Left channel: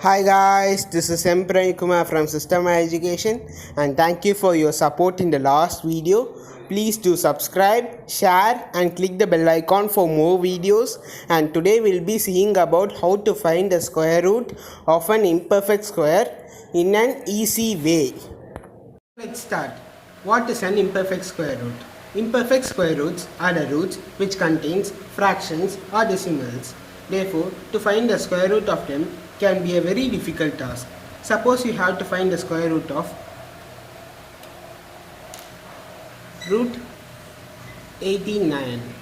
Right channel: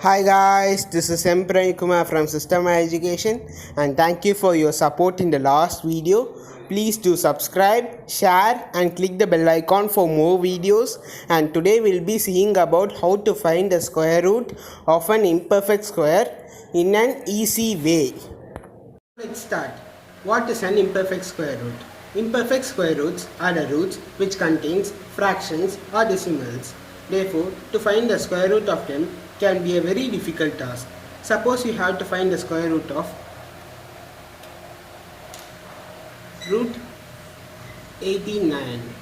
Hi guys, this is M. Pranay Kumar from System Education and thank you for your support in the last video. Please do subscribe, share and click the bell icon for more videos, and today we'll be seeing about how to find the square root of an imperfect square in an easy way. Let's start. What is an imperfect square root? Imperfect square roots are the roots which contains fractions or decimals. Therefore, to find the square root of them can be a very difficult task. Suppose you have to find the square root of root 89.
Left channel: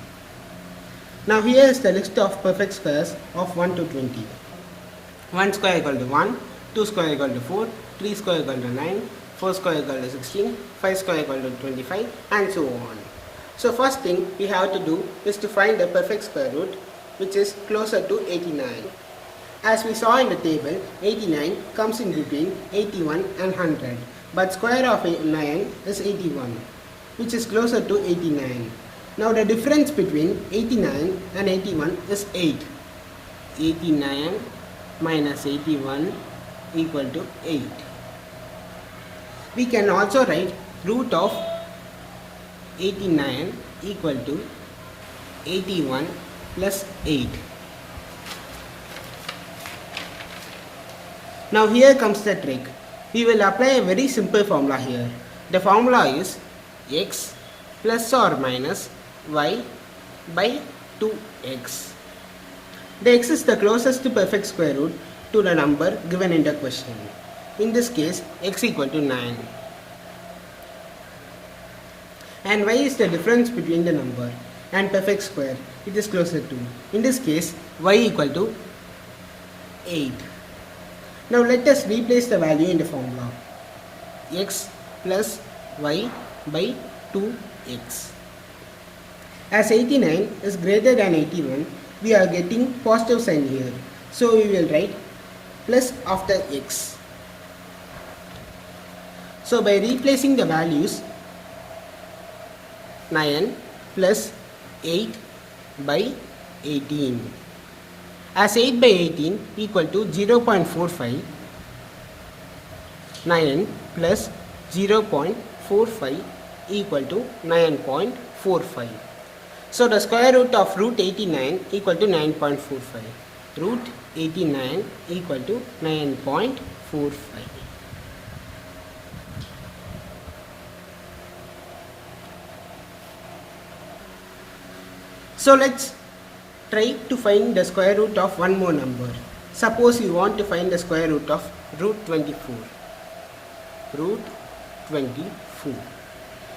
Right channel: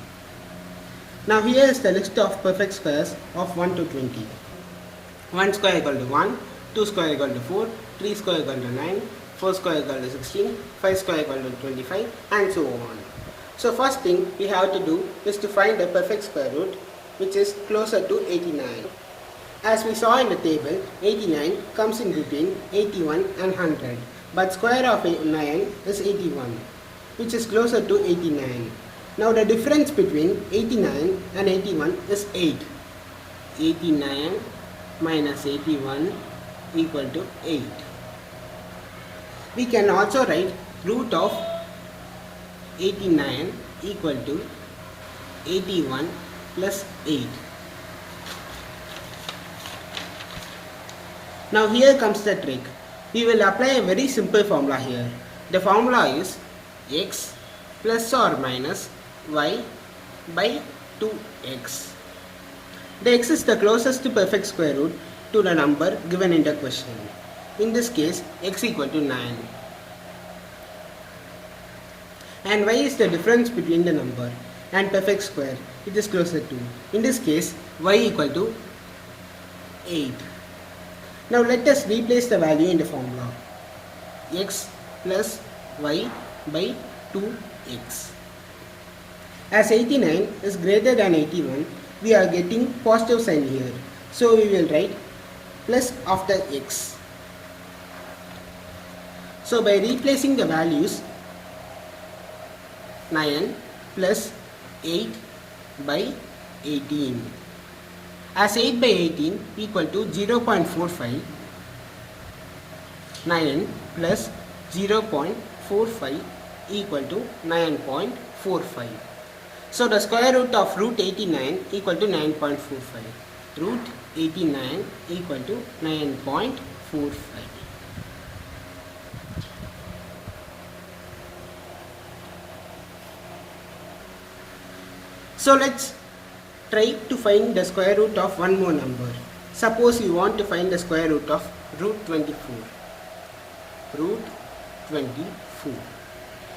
Now here is the list of perfect squares of 1 to 20. 1 square equal to 1, 2 square equal to 4, 3 square equal to 9, 4 square equal to 16, 5 square equal to 25 and so on. So first thing we have to do is to find a perfect square root which is closer to 89. As we saw in the table, 89 comes in between 81 and 100, but square of 9 is 81, which is closer to 89. Now the difference between 89 and 81 is 8. 89 minus 81 equal to 8. We can also write root of 89 equal to 81 plus 8. Now here comes the trick. We will apply a very simple formula here. The formula is x plus or minus y by 2x. The x is the closest to perfect square root to the number given in the question. In this case, x equal to 9. And y is the difference between the number and perfect square, which is closer to. In this case, y equal to 8. Now let us replace the value in the formula. X plus y by 2x. As 89 is greater than 81, we are getting positive sign here. So we will write plus after x. So by replacing the values, 9 plus 8 by 18. As 8 by 18 equal to 0.45, 9 plus 0.45 equal to 9.45. So the square root of root 89 equal to 9.45. Root 89 equal to 9.45. So let's try to find the square root of one more number. Suppose you want to find the square root of root 24. Root 24.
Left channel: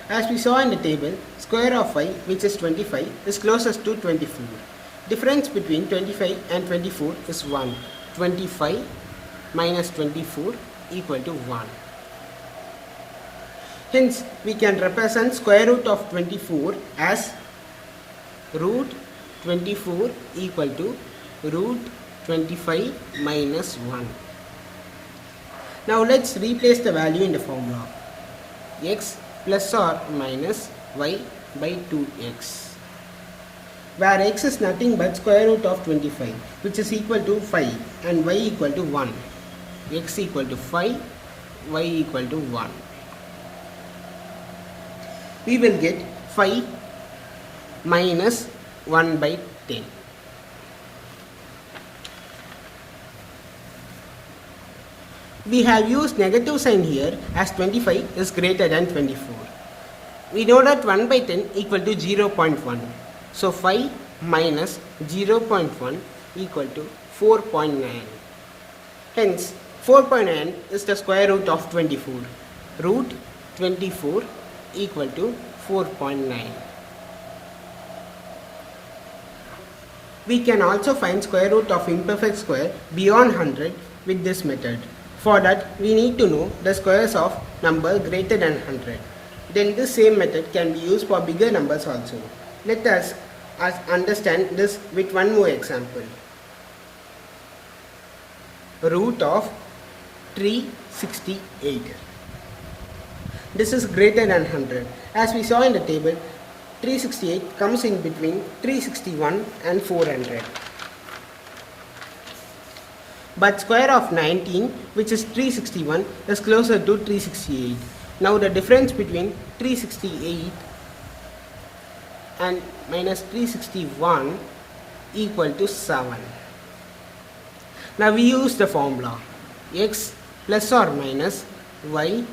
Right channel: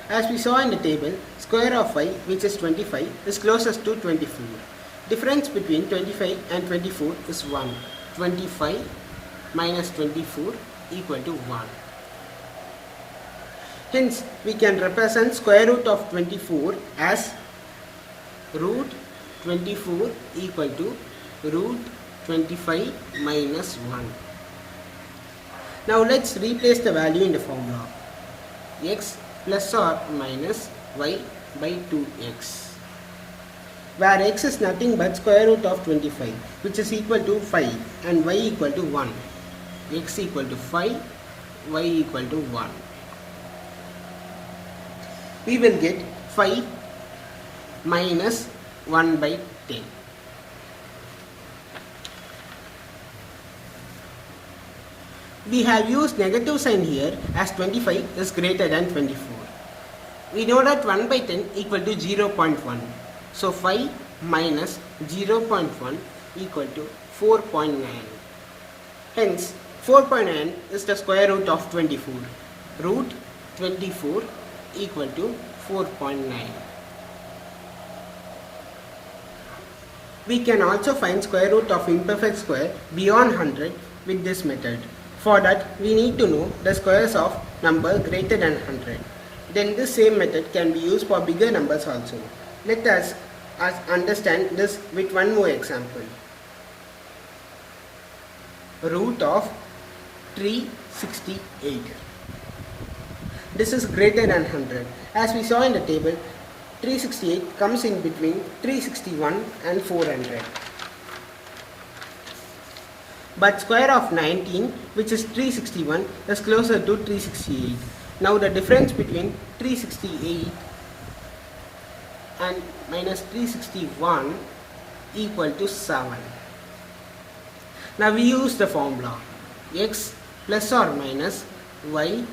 As we saw in the table, square of 5, which is 25, is closest to 24. Difference between 25 and 24 is 1. 25 minus 24 equal to 1. Hence, we can represent square root of 24 as root 24 equal to root 25 minus 1. Now let's replace the value in the formula. X plus or minus y by 2x. Where x is nothing but square root of 25, which is equal to 5, and y equal to 1. X equal to 5, y equal to 1. We will get 5 minus 1 by 10. We have used negative sign here as 25 is greater than 24. We know that 1 by 10 equal to 0.1. So 5 minus 0.1 equal to 4.9. Hence 4.9 is the square root of 24. Root 24 equal to 4.9. We can also find square root of imperfect square beyond 100 with this method. For that, we need to know the squares of number greater than 100. Then this same method can be used for bigger numbers also. Let us understand this with one more example. Root of 368. This is greater than 100. As we saw in the table, 368 comes in between 361 and 400. but square of 19, which is 361, is closer to 368. Now the difference between 368 and minus 361 equal to 7. Now we use the formula x plus or minus y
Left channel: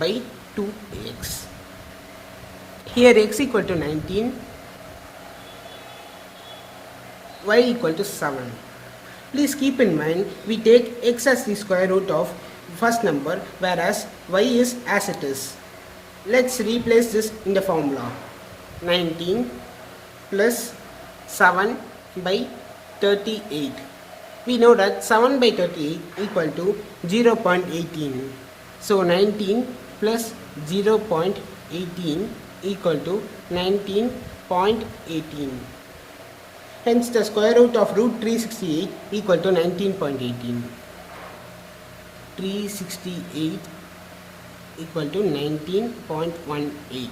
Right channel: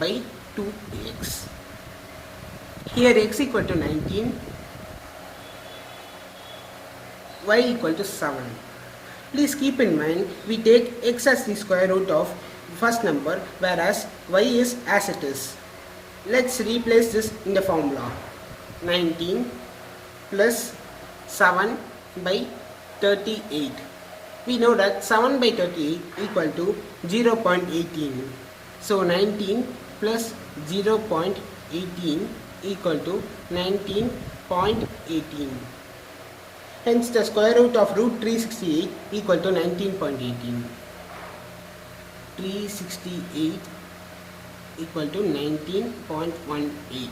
by 2x. Here x equal to 19, y equal to 7. Please keep in mind we take x as the square root of first number, whereas y is as it is. Let's replace this in the formula. 19 plus 7 by 38. We know that 7 by 38 equal to 0.18. So 19 plus 0.18 equal to 19.18. Hence the square root of root 368 equal to 19.18. 368 equal to 19.18.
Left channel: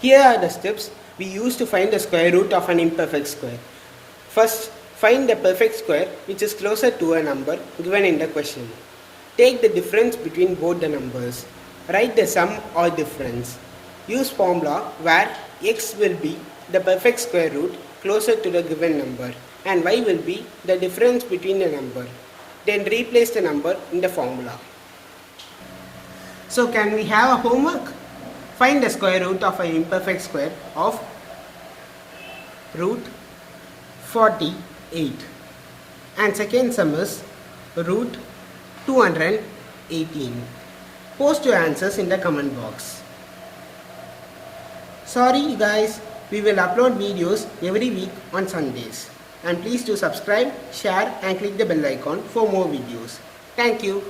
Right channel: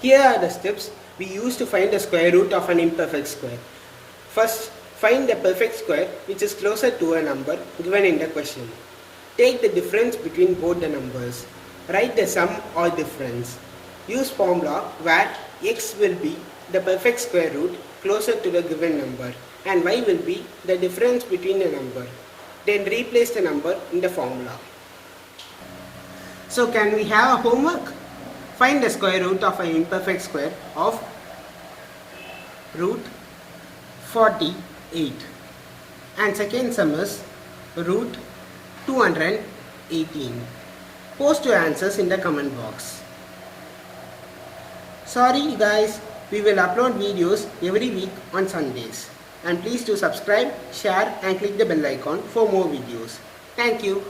Here are the steps we use to find the square root of an imperfect square. First, find the perfect square which is closer to a number given in the question. Take the difference between both the numbers. Write the sum or difference. Use formula where x will be the perfect square root closer to the given number and y will be the difference between the number. Then replace the number in the formula. So can we have a homework? Find the square root of an imperfect square of root 48. And second sum is root 218. Post your answers in the comment box. Sorry guys, we will upload videos every week on Sundays. And please do subscribe, share and click the bell icon for more videos. Thank you.